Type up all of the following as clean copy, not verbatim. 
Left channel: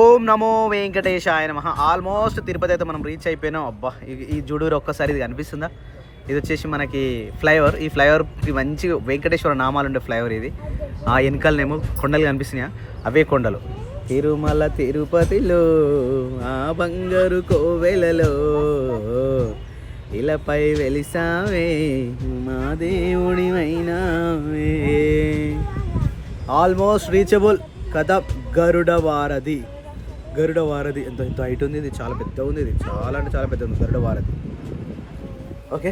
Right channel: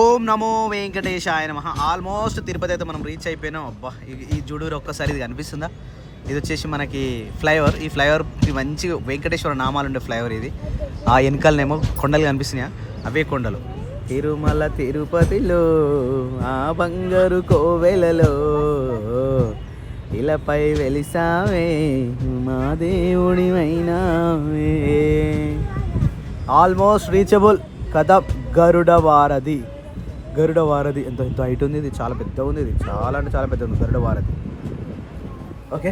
ఓం నమో వెంకటేశాయ నమః. ఆల్మోస్ట్ తిరుపతి అయితే మనం రీచ్ అయిపోయినాం. అబ్బా ఈ జుడూరు ఒక్కసారి ఇది కనిపిస్తుందా? ఇది వచ్చేసి మనకి ఫ్లైఓవర్. ఈ ఫ్లైఓవర్కి మంచి వెంకటేశ్వర నామాలు ఉండే ఫ్లైఓవర్ ఇది. ఆ వెనకాలనేమో కొండలు కనిపిస్తున్నాయా, అవే కొండలు. తిరుమల తిరుపతిలో ఆ బంగారు కోవెలలో ఇలాపై వెలిసావే మా దేవుడివైనావే. ఆల్మోస్ట్ రీచబుల్ కదా. గరుడ వారధి ఎంత హైట్ ఉంది. ఇది చాలా పెద్దగా ఉంది. ఇది చాలా అంటే చాలా పెద్దగా ఉంది గరుడ వారధి. ఓకే,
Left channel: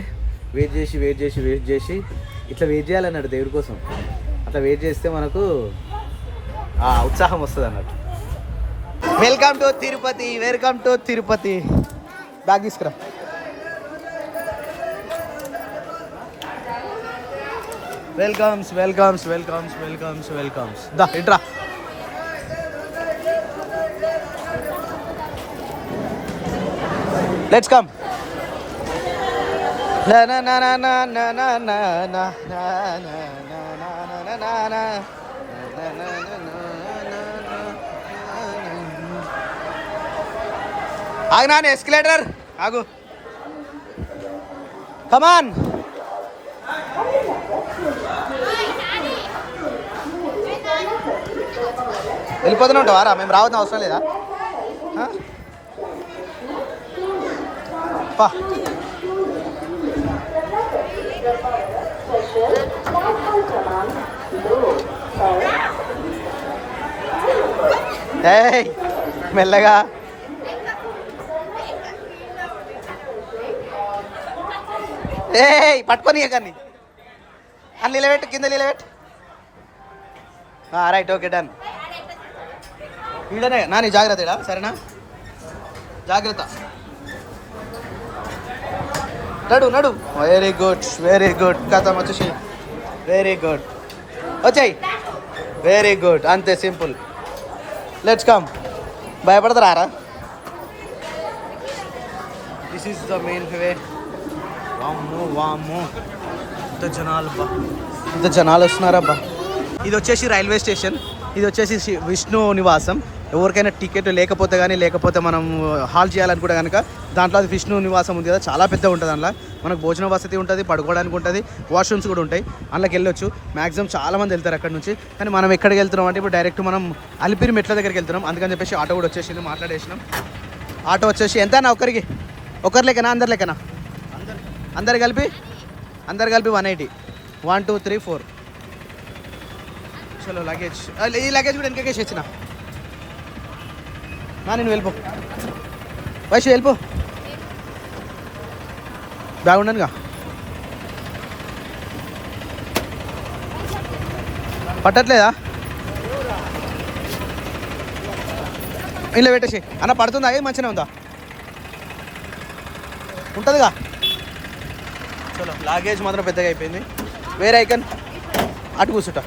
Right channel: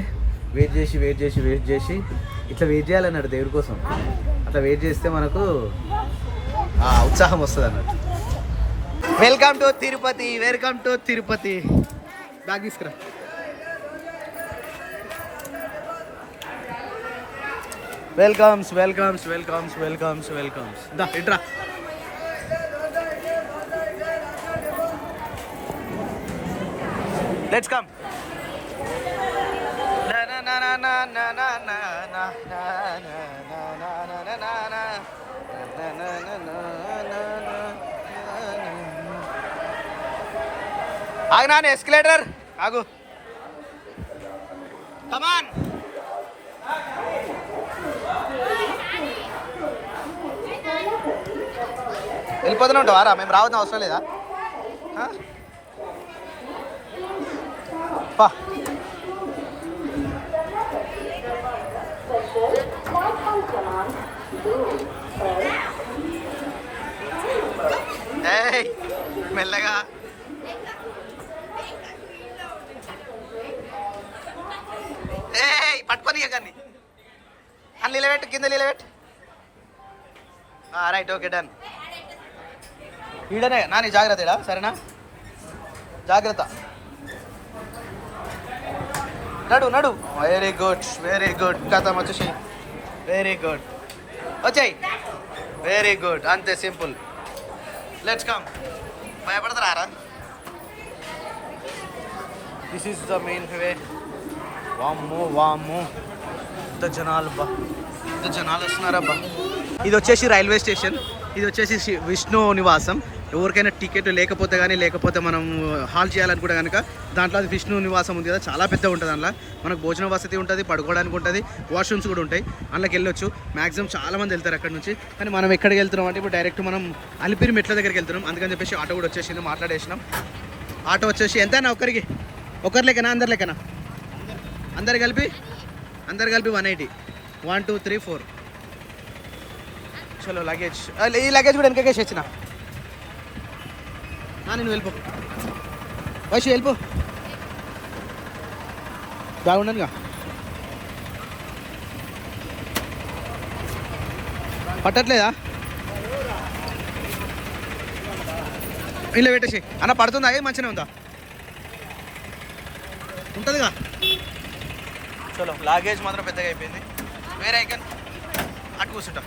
వెయిట్ చేసి ఇట్లా వెయిట్ చేయాలన్నాడు దేవుడి కోసం. అట్లా వెయిట్ చేస్తే మనకు ఉత్సాహం వస్తుంది అన్నట్టు. Welcome to Tirupati. బ్యాగ్ తీసుకురా. వెల్కమ్స్ దా ఇట్రా. Let's come. ఆగు నాన్న, ఎస్కలేటర్ ఆగు. కమాన్. వెళ్ళిపోతూనే ఉంటావారా? మేము రావద్దు అవసరం లేదా? పా. ఏయ్ మెల్లగా. ఏయ్ పట్టుకొని కానీ అని నిలబెట్టు, కింద నిలబెట్టు. Right, okay, done. వీడనే నా నీ జాగ్రత్త ఇడా, సరేనా? జాగ్రత్త. నడు. Very good. కథ వచ్చేసి వెరీ గుడ్. వచ్చాయి. వెరీ గుడ్, అంతే, సింపుల్. Let's come. భయపడతారా? This is the main way. వామ్మో ఇంత జనాలు వస్తున్నారబ్బా. ఇది వచ్చేసి రైల్వే స్టేషన్. ఇది వచ్చేసి విష్ణు నివాసం. ఎవరికైనా టికెట్ లేకపోతే మనం హాల్ చేయాలనుకుంటే కనుక దాంట్లో అది విష్ణు నివాసం ఉంది కదా, చాలా పెద్ద ఉంటుంది. అందులో మనకు భోజన వసతి ఉంటుంది, పడుకోవడానికి ఉంటుంది, వాష్రూమ్స్ కూడా ఉంటాయి. అందులోకి వెళ్ళొచ్చు. మ్యాక్సిమం చాలామంది వెళ్తారు అక్కడ నుంచి. కానీ మనం ఎక్కడికి వెళ్తున్నాం అంటే ఇప్పుడు డైరెక్ట్ మనం అలిపిరి మెట్ల దగ్గరికి వెళ్తున్నాం. అందుకని చెప్పేసి ఆటో కూడా వచ్చేసింది, మాట్లాడేసినాం. ఆటో వచ్చేసి ఎంతనా? ఒకరి లెక్కనా, అందరి లెక్కనా? అందరు కలిపి 180. 1 2 3 4. చలో లగేజ్. ఈ లగేజ్ కూడా వెనకకేసి వచ్చిన. నేను వెళ్ళిపో వైషు, వెళ్ళిపో. బ్యాగ్ ఉండనుగా, పట్టట్లేదా? ఇలా పెట్టేసి అన్న. పడుతుందా? ఏది మంచిగా ఉందా? ఉంటుందిగా. చలో, లాగేజ్ మాత్రం పెద్దగా అయిపోయింది. వేరే ఐకన్ అటు కూర్చుంటా.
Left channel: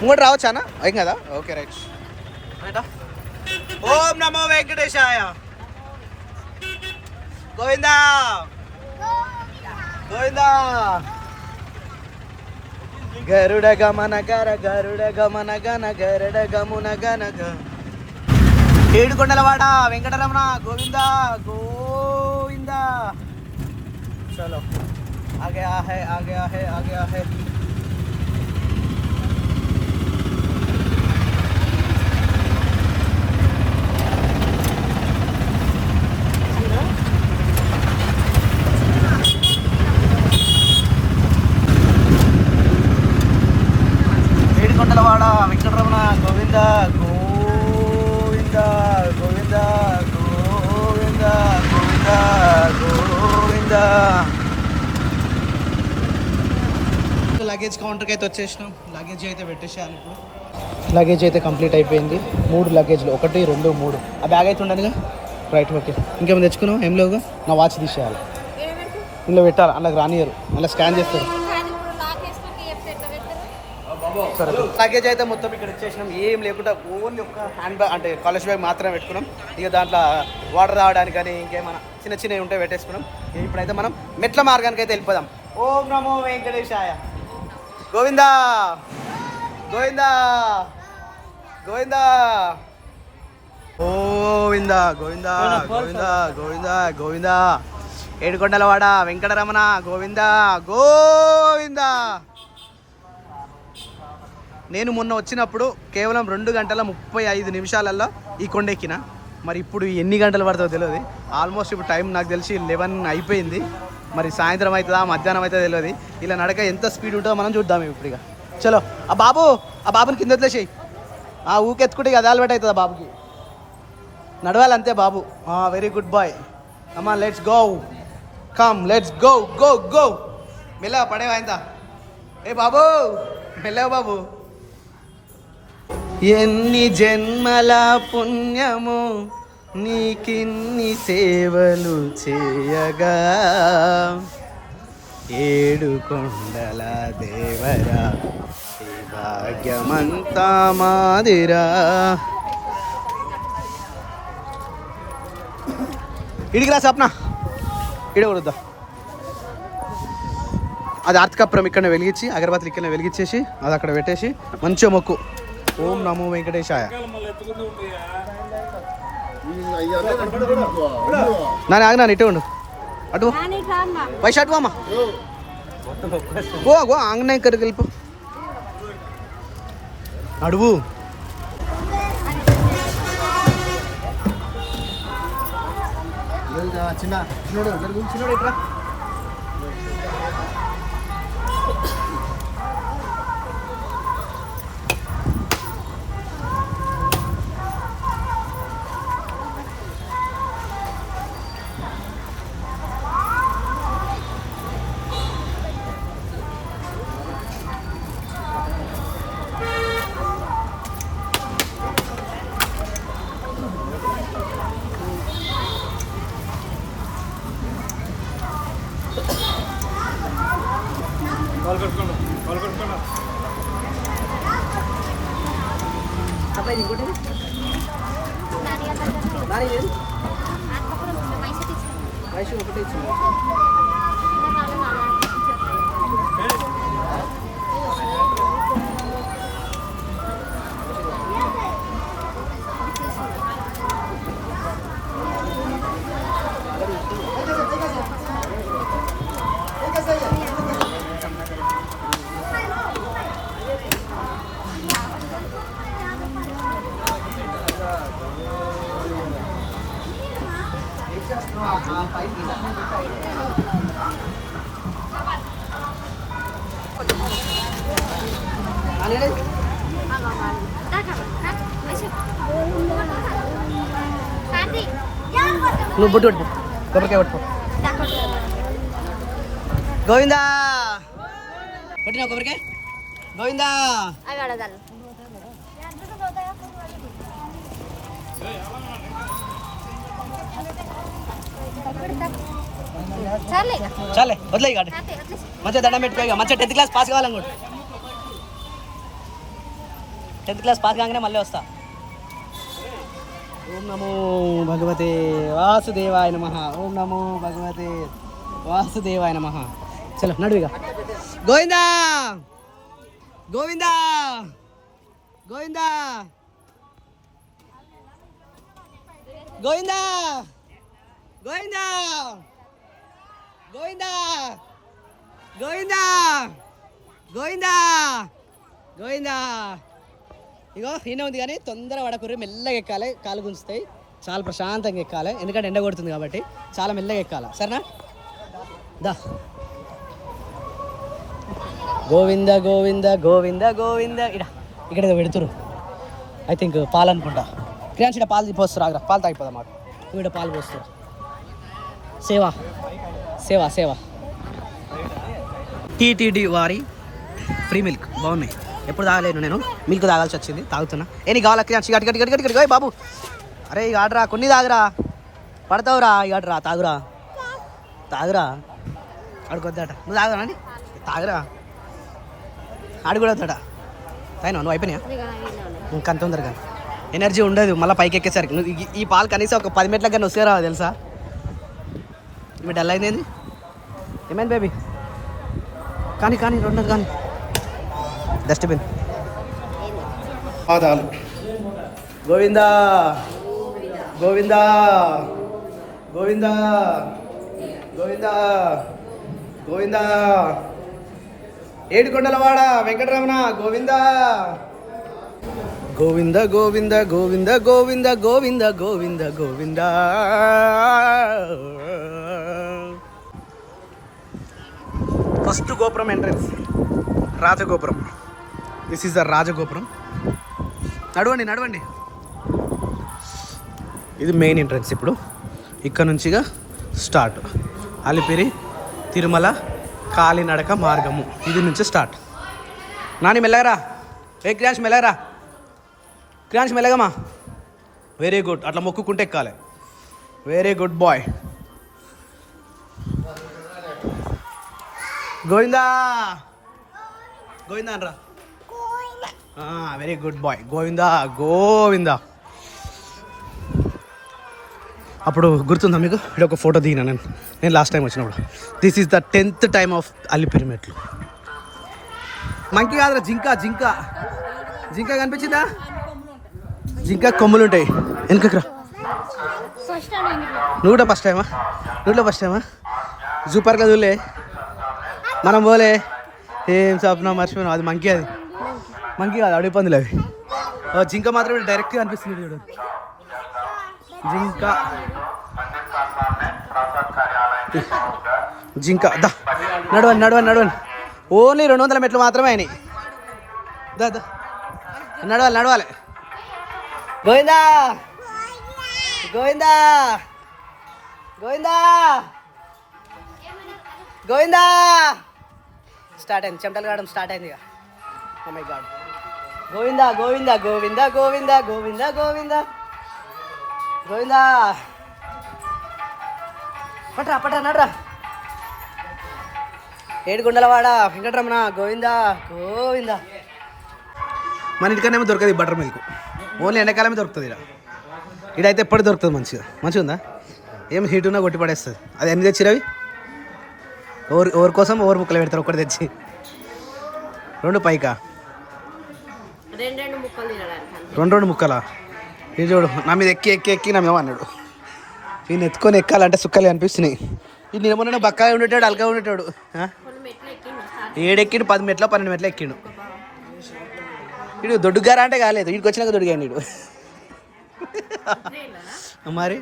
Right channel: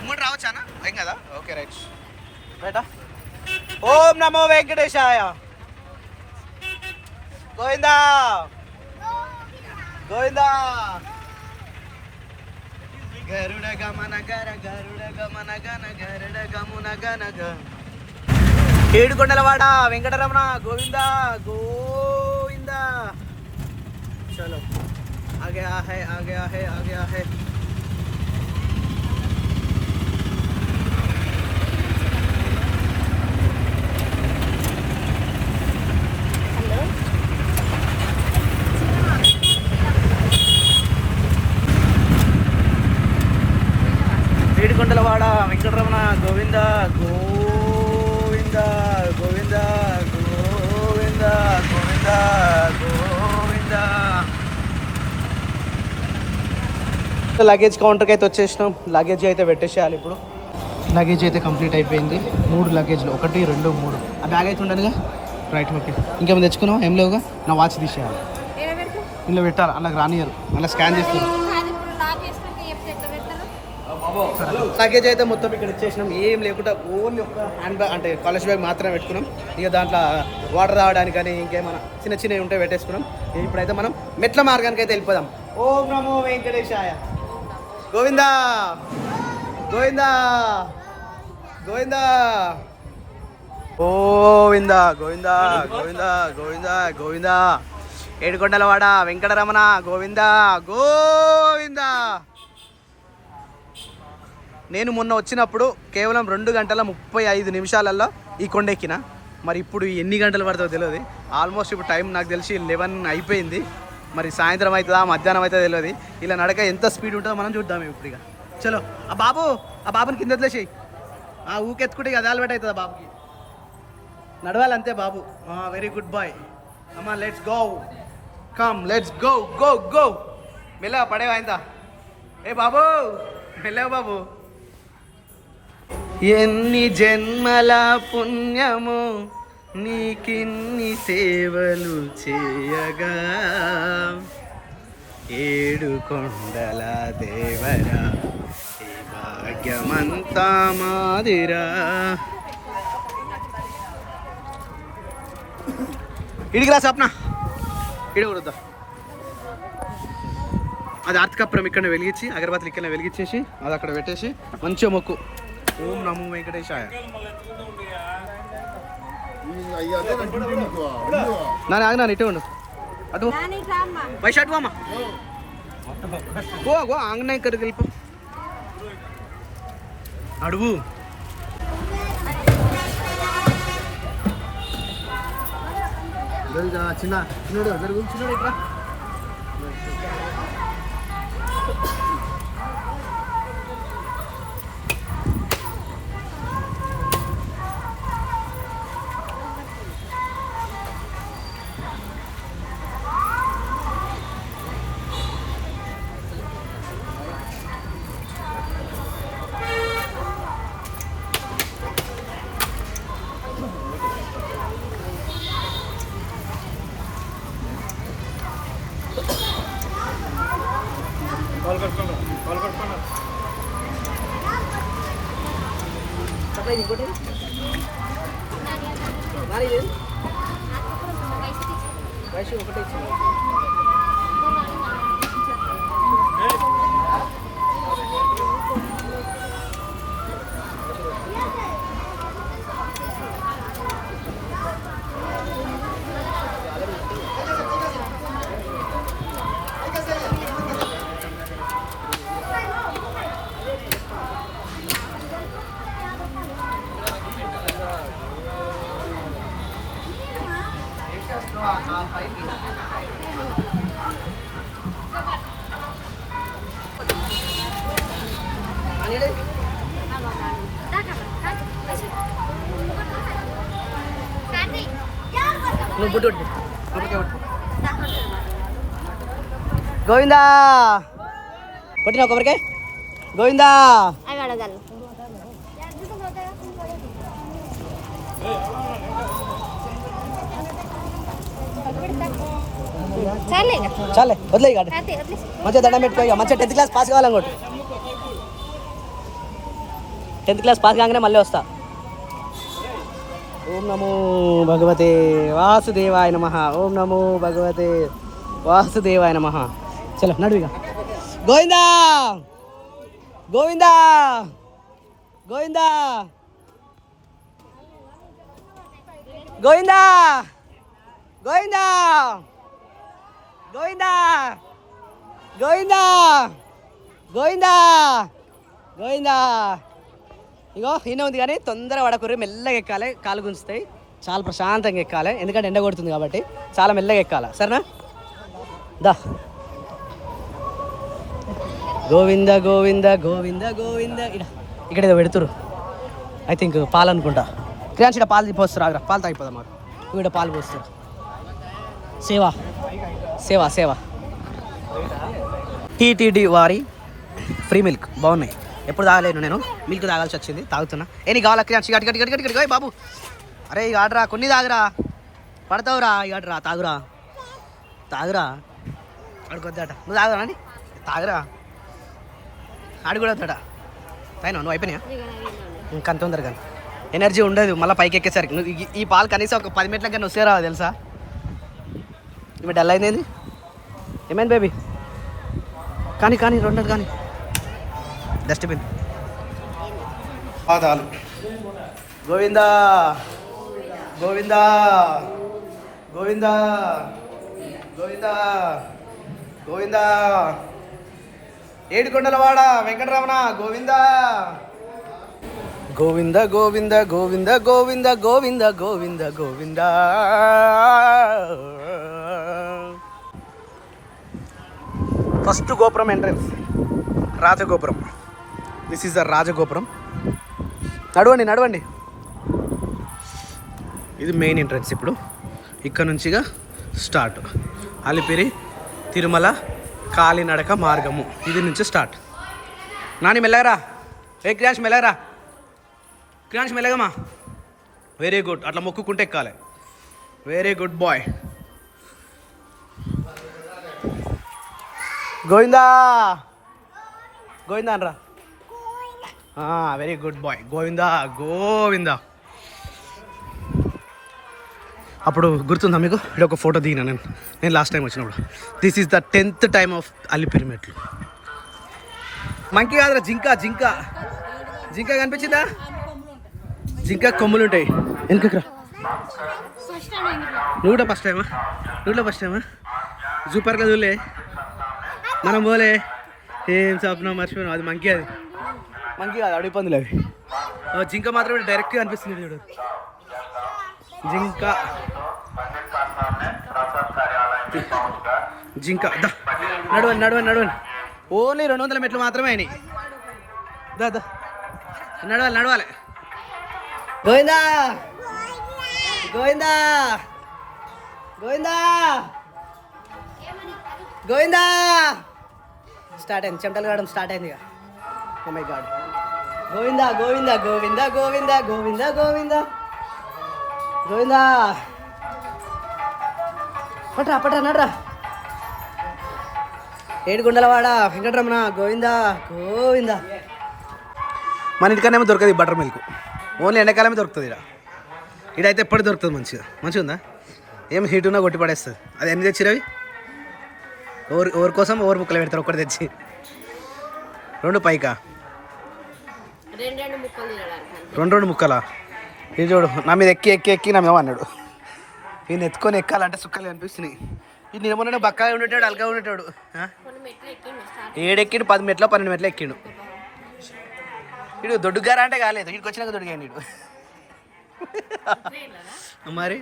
ఇంకోటి రావచ్చా అన్న? అయ్యి కదా. ఓకే, రైటా. ఓం నమో వెంకటేశాయ. గోవిందా. గరుడ గమన గరుడ గమున గనగ. ఏడుకొండలవాడ వెంకటరమణ గోవిందా. चलो आ गया है. ఏడుకొండలవాడ వెంకటరమణ గోవిందా. లగేజ్ కౌంటర్కి అయితే వచ్చేసినాం. లగేజ్ అయితే పెట్టేసేయాలి ఇప్పుడు. లగేజ్ అయితే కంప్లీట్ అయిపోయింది. 3 లగేజ్లు, 1 2 3. ఆ బ్యాగ్ అయితే ఉండదుగా. Right, okay. ఇంకేమైనా తెచ్చుకున్నాం? ఏం లేవుగా. నా వాచ్ తీసేయాలి. ఇంట్లో పెట్టాలి. అందులోకి రానియరు, అలా స్కాన్ చేస్తారు. లగేజ్ అయితే మొత్తం ఇక్కడ వచ్చేసినాం. ఏం లేకుండా ఓన్లీ ఒక హ్యాండ్ బ్యాగ్ అంటే కాలేజ్ బ్యాగ్ మాత్రమే పెట్టుకున్నాం. ఇక దాంట్లో వాటర్ రావడానికి కానీ ఇంకేమైనా చిన్నవి ఉంటే పెట్టేసుకున్నాం. ఇప్పుడైతే మనం మెట్ల మార్గానికి అయితే వెళ్ళిపోదాం. ఓం నమో వెంకటేశాయ. గోవిందా. గోవిందా గోవిందా గోవిందా గోవిందా గోవిందా ఏడుకొండలవాడ వెంకటరమణ గోవిందా గోవిందా. నేను మొన్న వచ్చినప్పుడు కేవలం 2 గంటల 35 నిమిషాలలో ఈ కొండెక్కిన. మరి ఇప్పుడు ఎన్ని గంటలు పడుతుందో తెలియదు. ఆల్మోస్ట్ ఇప్పుడు టైం నాకు తెలిసి 11 అయిపోయింది. మరి సాయంత్రం అవుతుందా మధ్యాహ్నం అవుతుందో తెలియదు. ఇలా నడక ఎంత స్పీడ్ ఉంటుందో మనం చూద్దాం ఇప్పుడు. ఇక చలో ఆ బాబుని కింద వదిలేసేయి. ఊకెత్తుకుంటే ఇక అదాలు అవుతుంది ఆ బాబుకి. నడవాలి అంతే బాబు. Very good boy. అమ్మా let's go, come let's go go go. మెల్లగా పడేవా ఇంత. ఏ బాబు మెల్లగా బాబు. ఎన్ని జన్మల పుణ్యము నీకిన్ని సేవలు చేయగా, ఏడుకొండల దేవరా ఈ భాగ్యమంతా మాదిరా. ఇడికి రా సప్న, ఇడి కొడుద్దాం. అది ఆర్తికప్పురం ఇక్కడ వెలిగించి, అగరబత్తులు ఇక్కడ వెలిగించేసి అది అక్కడ పెట్టేసి మంచిగా మొక్కు. ఓం నమో వెంకటేశాయ. నేను ఆగినా ఇటే ఉండు. అటు పైసా అటు అమ్మా. గో ఆంగ్నే ఇక్కడికి వెళ్ళిపో. అడుగు చిన్న చిన్నడు జరుగు. చిన్నడు ఇట్రా. నువ్వు బొట్టు పట్టుకో, కొబ్బరికాయ పట్టుకో. గోవిందా కొట్టినా కొబ్బరికాయ. గోవిందా చాలే వదిలే. ఇక మంచిగా దండం పెట్టుకో. ఇక మంచిగా 10th క్లాస్ పాస్ కావాలనుకోండి. 10th క్లాస్ పాస్ కాగానే మళ్ళీ వస్తా. ఓం నమో భగవతే వాసుదేవాయ నమః. ఓం నమో భగవతే వాసుదేవాయ నమః. చలో నడువిగా. గోవిందా గోవిందా గోవిందా గోవిందా గోవిందా గోవిందా గోవిందా గోవిందా గోవిందా. ఇగో ఈయన ఉంది కానీ తొందర పడకూరి, మెల్లగా ఎక్కాలి. కాలు గుంజుతాయి. చాలా ప్రశాంతంగా ఎక్కాలి, ఎందుకంటే ఎండ కొడుతుంది కాబట్టి చాలా మెల్లగా ఎక్కాలి. సరేనా? దా. గోవింద గోవింద గోవింద గోవింద. ఇక్కడ ఏదో పెడుతురు, ఐ థింక్ పాలు అనుకుంటా. క్రియాన్స్ ఇక్కడ పాలు పోస్తారు. ఆగ్రా పాలు తాగిపోదా మాకు. ఇక్కడ పాలు పోస్తారు. సేవా సేవా సేవా. టీటీడీ వారి ఫ్రీ మిల్క్ బాగున్నాయి. ఎప్పుడు తాగలేను నేను, మిల్క్ తాగాల్సి వచ్చింది, తాగుతున్నా. నీ కావాలా క్రియాన్స్? గట్టి గట్టి గట్టి గట్టి బాబు. అరే ఇక ఆడరా, కొన్ని తాగురా, పడతావురా. ఇక ఆడరా, తాగురా తాగురా. ఆడుకొద్దట. నువ్వు తాగురా అండి, తాగురా. ఆడు కూడా వద్దాట. తాగినా నువ్వు? అయిపోయినా ఇంకంత తొందరగా ఎనర్జీ ఉండదు మళ్ళీ పైకి ఎక్కేసరికి. నువ్వు ఈ పాలు కనీసం ఒక 10 మినిట్ల కానీ వస్తే రావు తెలుసా. ఇవి డల్ అయింది. ఏమైంది బేబీ? కానీ కానీ రెండోది కానీ డస్ట్బిన్. పాదాలు. గోవిందా గోవిందా గోవిందా గోవిందా గోవిందా ఏడుకొండలవాడ Venkataramana Govinda Govinda Govinda Govinda Govinda Govinda Govinda Govinda. First gopuram entrance Rajagopuram. This is the Rajagopuram. నడవండి నడవండి. ఇది మెయిన్ ఎంట్రన్స్. ఇప్పుడు ఇక్కడ నుంచిగా స్టార్ట్. అలిపిరి తిరుమల కాలినడక మార్గము ఇది నుంచి స్టార్ట్. నాని మెల్లగరా. క్రియాన్స్ మెల్లగరా. క్రియాన్స్ మెల్లగమ్మా. Very good. అట్లా మొక్కుకుంటే ఎక్కాలి. Very good boy. Govinda Govinda అనరా. Very good boy. Govinda Govinda. అప్పుడు గుర్తుందా మీకు? ఇక్కడ ఒక ఫోటో దిగినా నేను లాస్ట్ టైం వచ్చినప్పుడు. This is the 10th time of Alipiri మెట్లు. మంకీ కాదురా, జింక జింక జింక కనిపించిందా? జింక కొమ్ములు ఉంటాయి. వెనుకరా. నువ్వు కూడా ఫస్ట్ టైమా? నువ్వు కూడా ఫస్ట్ టైమా? జూ పార్క్ చూలే మనం పోలే. ఏం స్వప్నం మర్చిపోయినావు. అది మంకీ. అది మంకీ కాదు, అడిగి పందులు అవి. జింక మాత్రం డైరెక్ట్గా అనిపిస్తుంది చూడు. జింక జింక దా. నడవండి నడవండి నడవండి. ఓన్లీ 200 మెట్లు మాత్రమే అయినాయి. దా దా నడవాలి నడవాలి. గోవిందా గోవిందా గోవిందా గోవిందా. స్టార్ట్ అయింది. చెమటలు కావడం స్టార్ట్ అయింది ఇక. Oh my god. Govinda Govinda Govinda Govinda Govinda Govinda Govinda. పట్రా పట్రా నడ్రా. ఏడుకొండలవాడ వెంకటరమణ గోవిందా గోవిందా. మన ఇంటికనేమో దొరకదు బటర్ మిల్క్. ఓన్లీ ఎండాకాలమే దొరుకుతుంది ఇక్కడ. ఇడైతే ఎప్పుడు దొరుకుతుంది. మంచిగా ఉందా? ఏం హీట్ ఉన్నా కొట్టి పడేస్తుంది. అది ఎన్ని తెచ్చిరవి? ఎవరి కోసం ఎవరు ముక్కలు పెడతారు? ఒకటి తెచ్చి 2 పైకా 2 ముక్కలా? ఇది చూడు, నా మీద ఎక్కి ఎక్కి ఎక్కి నా మేము అన్నాడు. ఈయన ఎత్తుకొని ఎక్కాలంటే సుక్కలు అనిపిస్తున్నాయి. ఈ నిలబడిన బక్కగా ఉండేటాడు, అలగా ఉండేటాడు. ఏడెక్కిండు 10 మెట్లో 12 మెట్లు ఎక్కిండు. ఇడు దొడ్డుగారా అంటే కాలేదు, వీడికి వచ్చినాక దొడిగాడు ఇడు. మరి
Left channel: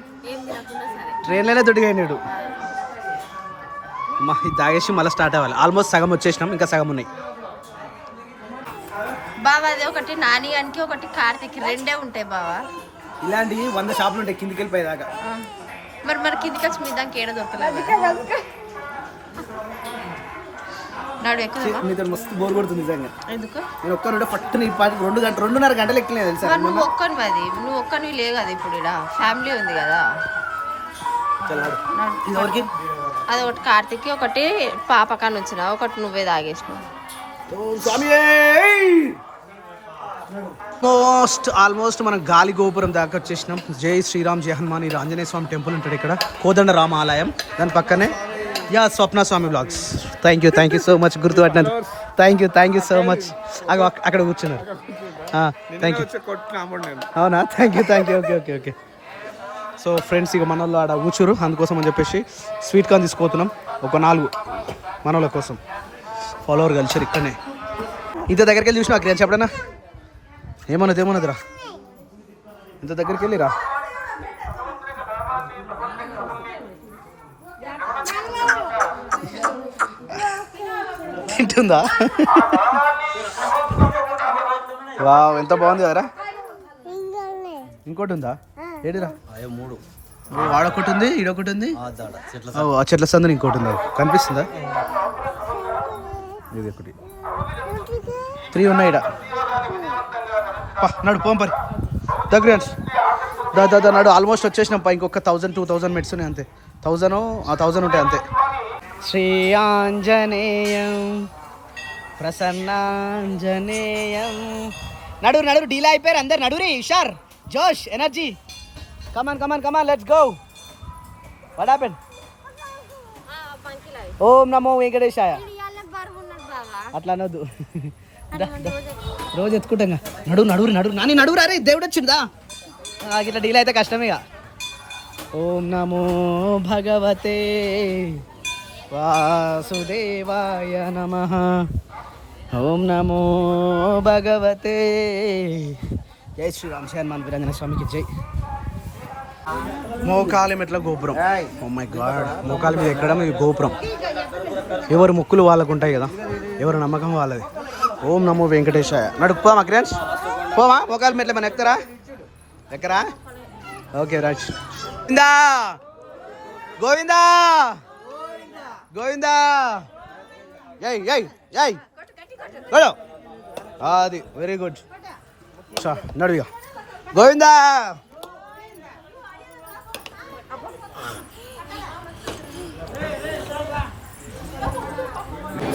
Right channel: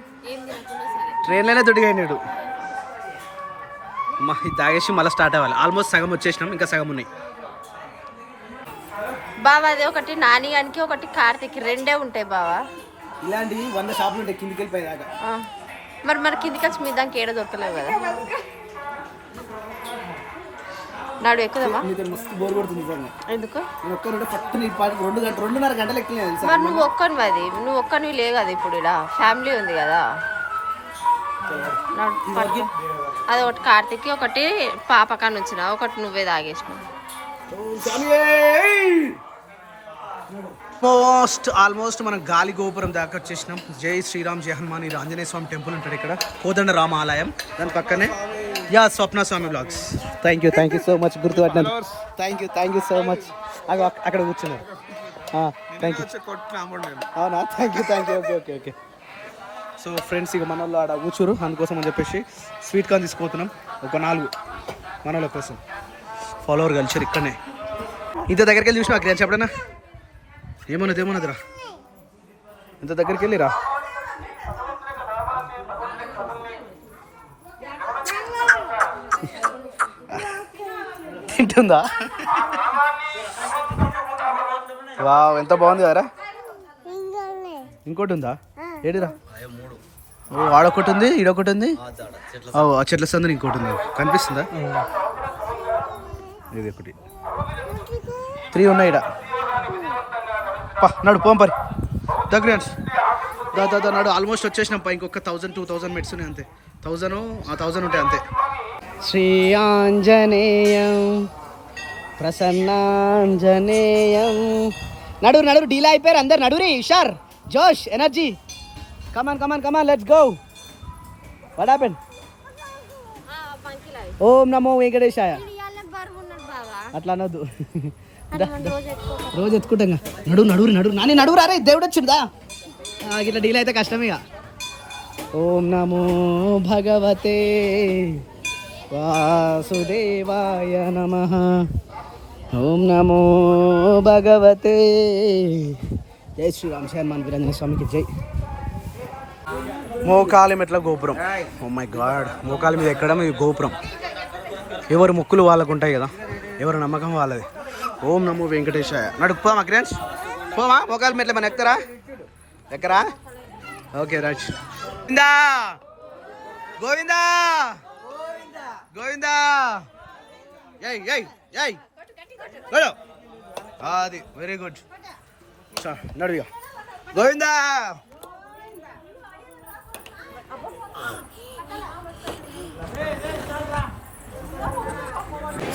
ట్రైన్లోనే దొడిగాడు. మా ఇది తాగేసి మళ్ళీ స్టార్ట్ అవ్వాలి. ఆల్మోస్ట్ సగం వచ్చేసినాం, ఇంకా సగం ఉన్నాయి. బావా అది ఒకటి నాని గానికి ఒకటి కార్తీక్ 2 ఉంటాయి బావా. ఇలాంటివి 100 షాపులు ఉంటాయి కిందికి వెళ్ళిపోయేదాకా. మరి కిందికి వచ్చి మీ దానికి ఏడ దొరకలేవు కదా. నాడు ఎక్కుదమ్మా. నీతో మస్తు బోర్ కొడుతుంది నిజంగా. ఎందుకు? నేను ఒక్కరు పట్టుని 2.5 గంటలు ఎక్కలేదు తెలుసా. నువ్వు ఒక్కనివి, అది నువ్వు ఒక్కనివి లేవు కదా. ఇప్పుడు ఇక్కడ ఫ్యామిలీ ఉంది కదా. అది ఒకటి కార్తీక్, ఒకటి పాపకాన్ని వచ్చిన, ఒకటి నువ్వే తాగేసినావు. ఆల్మోస్ట్ మనం గాలి గోపురం దాకా వచ్చేసినాం. జై శ్రీరామ్ జై హనుమాన్. ఇది ఆంజనేయ స్వామి టెంపుల్ ఉంటాడు ఇక్కడ, కోదండ రామ ఆలయం. దాని పక్కనే Swapna Swami blogs. Thank you so much గుర్తుపట్టినాను. Thank you so much. అక్కడ కూర్చున్నారు. Thank you. అవునా? Thank you. Okay. So friends, ఇక మన వాళ్ళు ఆడ కూర్చోరు, అందుకోసం అని చెప్పేసి స్వీట్ కార్న్ తీసుకుపోతున్నాం. ఒక 4 మన వాళ్ళ కోసం. ఫాలోవర్ కలిసారు ఇక్కడనే. ఇంత దగ్గరికి వెళ్ళి చూసినా అక్కడ చెప్పడనా ఏమన్నదిరా. ఇంత దగ్గరికి వెళ్ళిరా. తింటుందా? వావ్, ఎంత బాగుంది కదరా. ఇంకోటి ఉందా? ఏడిరా. వాడొకటి ఉంది, ఈడొకటి ఉంది. ఆ చెట్ల సందుని ఇంకోటి ఉంది. కనిపిస్తుందా? ఇది ఒకటి 3 ఉన్నాయి ఈడ. నడు పోంపరి దగ్గర నడు. ఆల్మోస్ట్ వచ్చేసినాం. ఇంకొక 1000-2000 మెట్స్ ఉన్నాయి అంతే. 1000 ఉంటాయి అంతే. శ్రీ ఆంజనేయం ప్రసన్నాంజనేయం. నడు డీలా అయిపోయారు అందరు. నడురి హుషార్, జోష్, energy. Come on let's go. What happened? ఓం నమో వెంకటేశాయ. అట్లా అనొద్దు. రోజు ఎత్తుకుంటాం. నడురు నాని నడురా. అరే దేవుడు వచ్చిందా. ఇట్లా డీల్ అయితే కష్టమే. ఓం నమో భగవతే వాసుదేవాయ నమః. ఓం నమో భగవతే. జై శ్రీరామ్. హనుమాన్ వీరాంజనేయ స్వామికి జై. మోకాలి మెట్ల గోపురం. ఓ మై గాడ్, మోకాలి మీద ఎక్కడం ఇది గోపురం. ఎవరు ముక్కులు వాళ్ళకు ఉంటాయి కదా, ఎవరు నమ్మకం వాళ్ళది. ఓం నమో వెంకటేశాయ. నడుపుపోమా క్రియాన్స్, పోమా మోకాలి మెట్ల మన ఎక్కరా ఎక్కరా. ఓకే రాజ్. గోవిందా గోవిందా గోవిందా. జై జై జై. అది వెరీ గుడ్. నడు గోవిందా.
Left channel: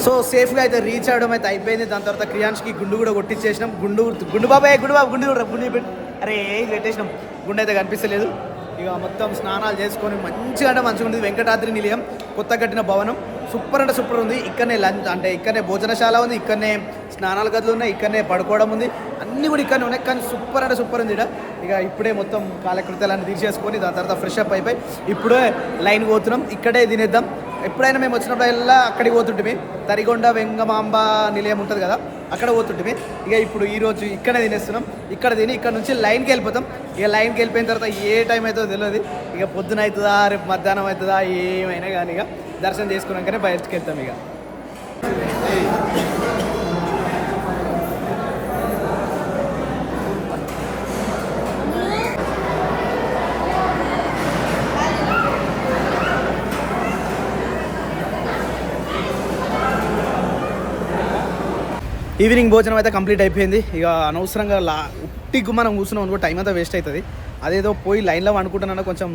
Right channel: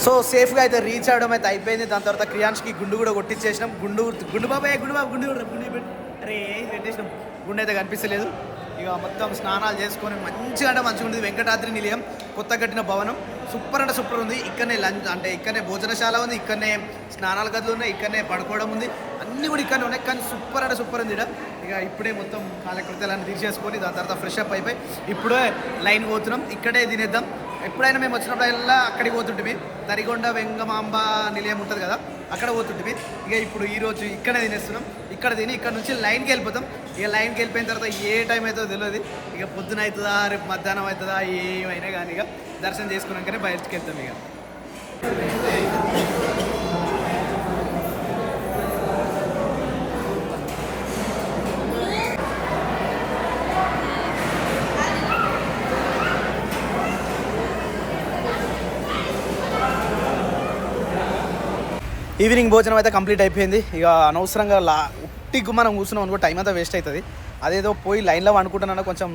సో సేఫ్గా అయితే రీచ్ అవ్వడం అయితే అయిపోయింది. దాని తర్వాత క్రియాన్స్కి గుండు కూడా కొట్టించేసినాం. గుండు బాబాయ్ గుండు అరే పెట్టేసినాం. గుండు అయితే కనిపిస్తలేదు. ఇక మొత్తం స్నానాలు చేసుకొని మంచిగా అంటే మంచిగా ఉంది. వెంకటాద్రి నిలయం కొత్త కట్టిన భవనం సూపర్ అంటే సూపర్ ఉంది. ఇక్కడనే లంచ్ అంటే ఇక్కడనే భోజనశాల ఉంది, ఇక్కడనే స్నానాల గదులు ఉన్నాయి, ఇక్కడనే పడుకోవడం ఉంది, అన్నీ కూడా ఇక్కడనే ఉన్నాయి. కానీ సూపర్ అంటే సూపర్ ఉంది. ఇక ఇప్పుడే మొత్తం కాలకృత్యాలన్నీ తీసేసుకొని దాని తర్వాత ఫ్రెష్ అప్ అయిపోయి ఇప్పుడే లైన్ పోతున్నాం. ఇక్కడే తినేద్దాం. ఎప్పుడైనా మేము వచ్చినప్పుడల్లా అక్కడికి పోతుంటే తరిగొండ వెంగమాంబ నిలయం ఉంటుంది కదా, అక్కడ పోతుంటే ఇక ఇప్పుడు ఈరోజు ఇక్కడే తినేస్తున్నాం. ఇక్కడ తిని ఇక్కడ నుంచి లైన్కి వెళ్ళిపోతాం. ఇక లైన్కి వెళ్ళిపోయిన తర్వాత ఏ టైం అవుతుందో తెలియదు. ఇక పొద్దున అవుతుందా రేపు మధ్యాహ్నం అవుతుందా ఏమైనా కానీ ఇక దర్శనం చేసుకున్నాకనే బయటకు వెళ్తాం. ఇక ఈవినింగ్ భోజనం అయితే కంప్లీట్ అయిపోయింది. ఇక అనవసరంగా ఉట్టిగా మనం కూర్చున్నాం అనుకో టైం అంతా వేస్ట్ అవుతుంది. అదేదో పోయి లైన్లో అనుకుంటున్నా కొంచెం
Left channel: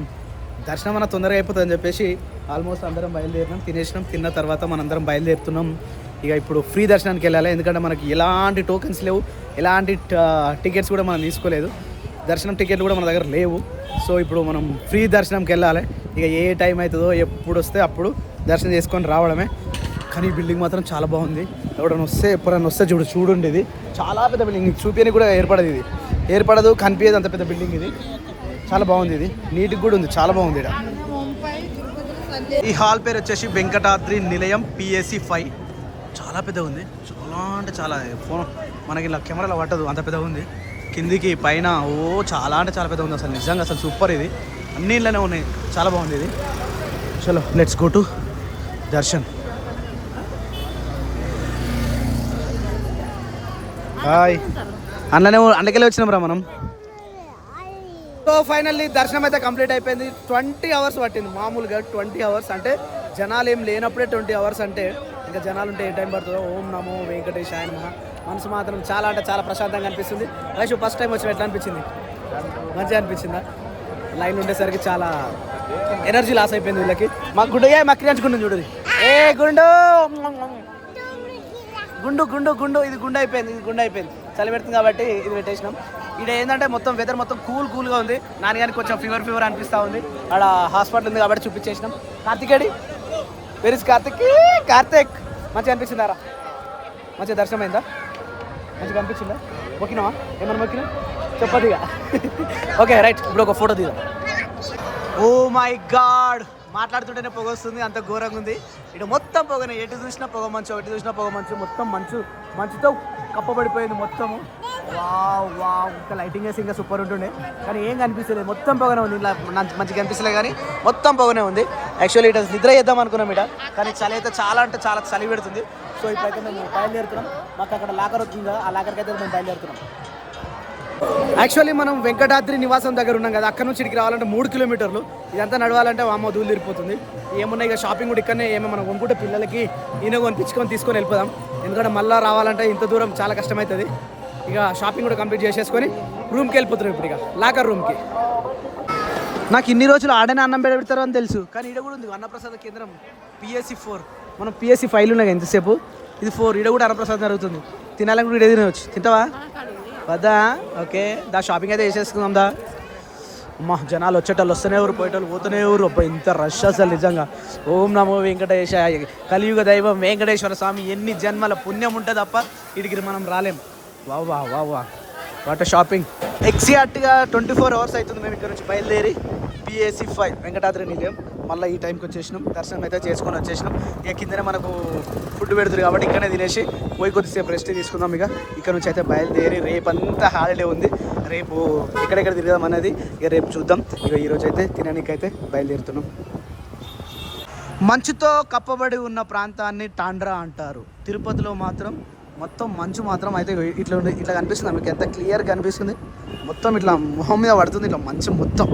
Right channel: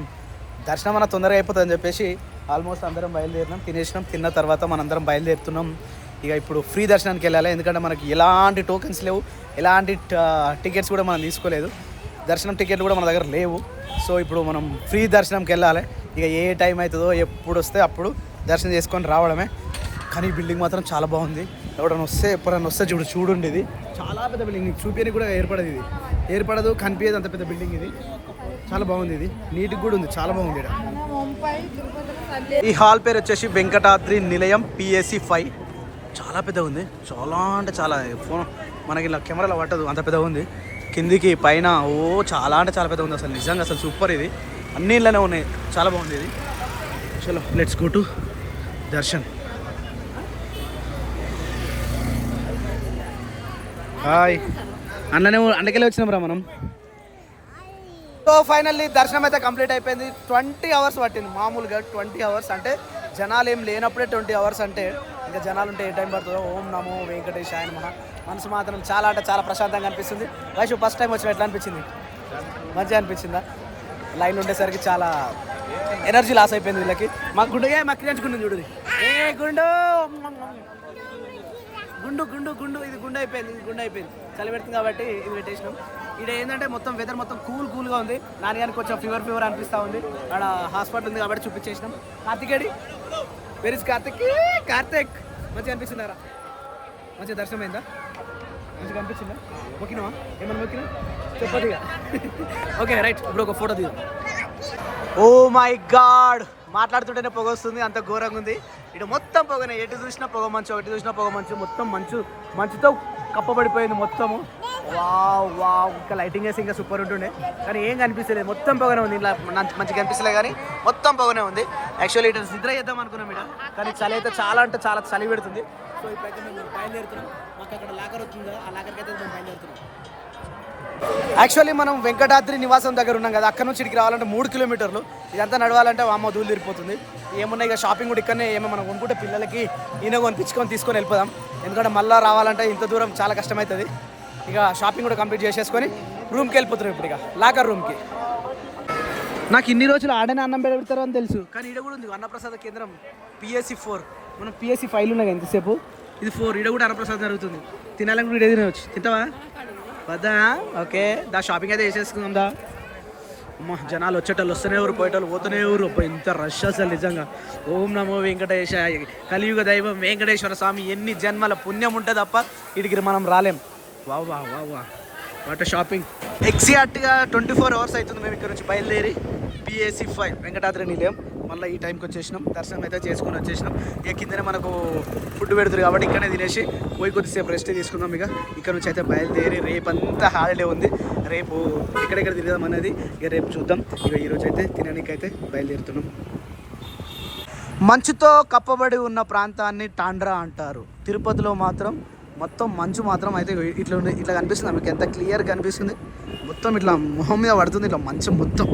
దర్శనం అన్న తొందరగా అయిపోతుంది అని చెప్పేసి ఆల్మోస్ట్ అందరం బయలుదేరినాం. తినేసినాం. తిన్న తర్వాత మనందరం బయలుదేరుతున్నాం. ఇక ఇప్పుడు ఫ్రీ దర్శనానికి వెళ్ళాలి. ఎందుకంటే మనకి ఎలాంటి టోకెన్స్ లేవు, ఎలాంటి టికెట్స్ కూడా మనం తీసుకోలేదు. దర్శనం టికెట్లు కూడా మన దగ్గర లేవు. సో ఇప్పుడు మనం ఫ్రీ దర్శనంకి వెళ్ళాలి. ఇక ఏ టైం అవుతుందో ఎప్పుడు వస్తే అప్పుడు దర్శనం చేసుకొని రావడమే. కానీ ఈ బిల్డింగ్ మాత్రం చాలా బాగుంది. ఎప్పుడైనా వస్తే చూడండి. ఇది చాలా పెద్ద బిల్డింగ్. చూపించని కూడా ఏర్పడదు కనిపించదు అంత పెద్ద బిల్డింగ్ ఇది. చాలా బాగుంది. ఇది నీట్గా కూడా ఉంది, చాలా బాగుంది. ఇక్కడ ఈ హాల్ పేరు వచ్చేసి వెంకటాద్రి నిలయం PAC 5. చాలా పెద్దగా ఉంది. చాలా అంటే చాలా. ఫోన్ మనకి ఇలా కెమెరాలో పట్టదు అంత పెద్దగా ఉంది. కిందికి పైన చాలా అంటే చాలా పెద్దగా ఉంది. అసలు నిజంగా అసలు సూపర్. ఇది అన్ని ఇళ్ళనే ఉన్నాయి. చాలా బాగుంది ఇది. చలో let's go to darshan. Hi. అందుకెళ్ళి వచ్చినాం రా మనం. సో ఫైనల్లీ దర్శనం అయితే కంప్లీట్ అయిపోయింది. 20 hours పట్టింది. మామూలుగా 20 hours అంటే జనాలు ఏం లేనప్పుడే 20 hours అంటే ఇంకా జనాలు ఉంటే ఏ టైం పడుతుందో. ఓం నమో వెంకటేశాయ నమః. మనసు మాత్రం చాలా అంటే చాలా ప్రశాంతంగా అనిపిస్తుంది. వైషు ఫస్ట్ టైం వచ్చిన ఎట్లా అనిపించింది? మంచిగా అనిపించిందా? లైన్ ఉండేసరికి చాలా ఎనర్జీ లాస్ అయిపోయింది వీళ్ళకి. మాకు గుండు మక్కించుకుంటుంది చూడు. ఏ గుండు గుండు గుండు గుండు ఇది గుండు అయిపోయింది. చలి పెడుతుంది కాబట్టి ఇది పెట్టేసినాం. ఇక్కడ ఏంటంటే మొత్తం వెదర్ మొత్తం కూల్గా ఉంది. నాన్నగారికి కొంచెం ఫీవర్ అనిపిస్తూ ఉంది. ఆడ హాస్పిటల్ ఉంది కాబట్టి చూపించేసినాం. కార్తికేడి వెర్ ఇస్ కార్తిక్ మంచిగా అనిపిస్తుందారా? మంచిగా దర్శనం అయిందా? మంచిగా అనిపించిందా? మొక్కినావా? ఏమన్నా మొక్కినా చెప్పదు. Okay right. ఇప్పుడు ఒక ఫోటో తీద్దాం. ఓ మై గాడ్, మాట్లాడుతుంటేనే పొగ వస్తుంది. అంత ఘోరంగా ఉంది. ఇటు మొత్తం పొగనే. ఎటు చూసినా పొగ మంచు. మొత్తం మంచుతో కప్పబడిపోయింది మొత్తము. వావ్ ఇంకా లైటింగ్ వేసి ఇంకా సూపర్ ఉంటుండే. కానీ ఏం కనిపిస్తలేదు. మొత్తం పొగనే ఉంది. ఇలా మంచిగా కనిపిస్తలే కానీ మొత్తం పొగనే ఉంది. యాక్చువల్లీ ఇటు నిద్ర చేద్దాం అనుకున్నాం ఇట. కానీ చలి అయితే చాలా అంటే చాలా చలి పెడుతుంది. సో ఇప్పుడైతే మేము బయలుదేరుతున్నాం. మాకు అక్కడ లాకర్ వచ్చింది కదా, ఆ లాకర్కి అయితే మేము బయలుదేరుతున్నాం. యాక్చువల్లీ మనం వెంకటాద్రి నివాసం దగ్గర ఉన్నాం కదా, అక్కడ నుంచి ఇక్కడికి రావాలంటే 3 kilometers. ఇదంతా నడవాలంటే అమ్మ దూలు తిరిగిపోతుంది. ఏమున్నాయి ఇక షాపింగ్ కూడా ఇక్కడనే. ఏమో మనం కొనుక్కుంటే పిల్లలకి ఈయన తీసుకొని వెళ్ళిపోదాం. ఎందుకంటే మళ్ళీ రావాలంటే ఇంత దూరం చాలా కష్టమవుతుంది. ఇక షాపింగ్ కూడా కంప్లీట్ చేసేసుకొని రూమ్కి వెళ్ళిపోతున్నాం. ఇప్పుడు ఇక లాకర్ రూమ్కి. నాకు ఇన్ని రోజులు ఆడనే అన్నం పెడతారు అని తెలుసు, కానీ ఇది కూడా ఉంది అన్నప్రసాద కేంద్రం PAC 4. మనం PAC 5 ఉన్నాయి ఎంతసేపు. ఇది 4. ఇక్కడ కూడా అన్నప్రసాదం జరుగుతుంది. తినాలని కూడా ఇక్కడ తినవచ్చు. తింటావా? వద్దా? ఓకే దా, షాపింగ్ అయితే చేసేసుకుందాం దా. అమ్మ జనాలు వచ్చేటోళ్ళు వస్తూనే ఎవరు, పోయేటోళ్ళు పోతూనే ఎవరు. ఇంత రష్ అసలు నిజంగా. ఓం నమో వెంకటేశాయ. కలియుగ దైవం వెంకటేశ్వర స్వామి. ఎన్ని జన్మల పుణ్యం ఉంటుంది తప్ప ఇడికి మనం రాలేం. వా వాటర్ షాపింగ్. ఎగ్జాక్ట్గా 24 hours అవుతుంది మేము ఇక్కడ నుంచి బయలుదేరి. PAC 5 వెంకటాద్రి నిలయం. మళ్ళీ ఈ టైంకి వచ్చేసినాం, దర్శనం అయితే చేసుకొని వచ్చేసినాం. ఇక కిందనే మనకు ఫుడ్ పెడుతుంది కాబట్టి ఇక్కడనే తినేసి పోయి కొద్దిసేపు రెస్ట్ తీసుకుందాం. ఇక ఇక్కడ నుంచి అయితే బయలుదేరి రేపు అంతా హాలిడే ఉంది, రేపు ఎక్కడెక్కడ తిరగదాం అనేది ఇక రేపు చూద్దాం. ఇక ఈరోజు అయితే తినడానికైతే బయలుదేరుతున్నాం. మంచుతో కప్పబడి ఉన్న ప్రాంతాన్ని టాండ్రా అంటారు. తిరుపతిలో మాత్రం మొత్తం మంచు మాత్రం అయితే ఇట్లా కనిపిస్తుంది. మీకు ఎంత క్లియర్ కనిపిస్తుంది, మొత్తం ఇట్లా మొహం మీద పడుతుంది ఇట్లా మంచు మొత్తం.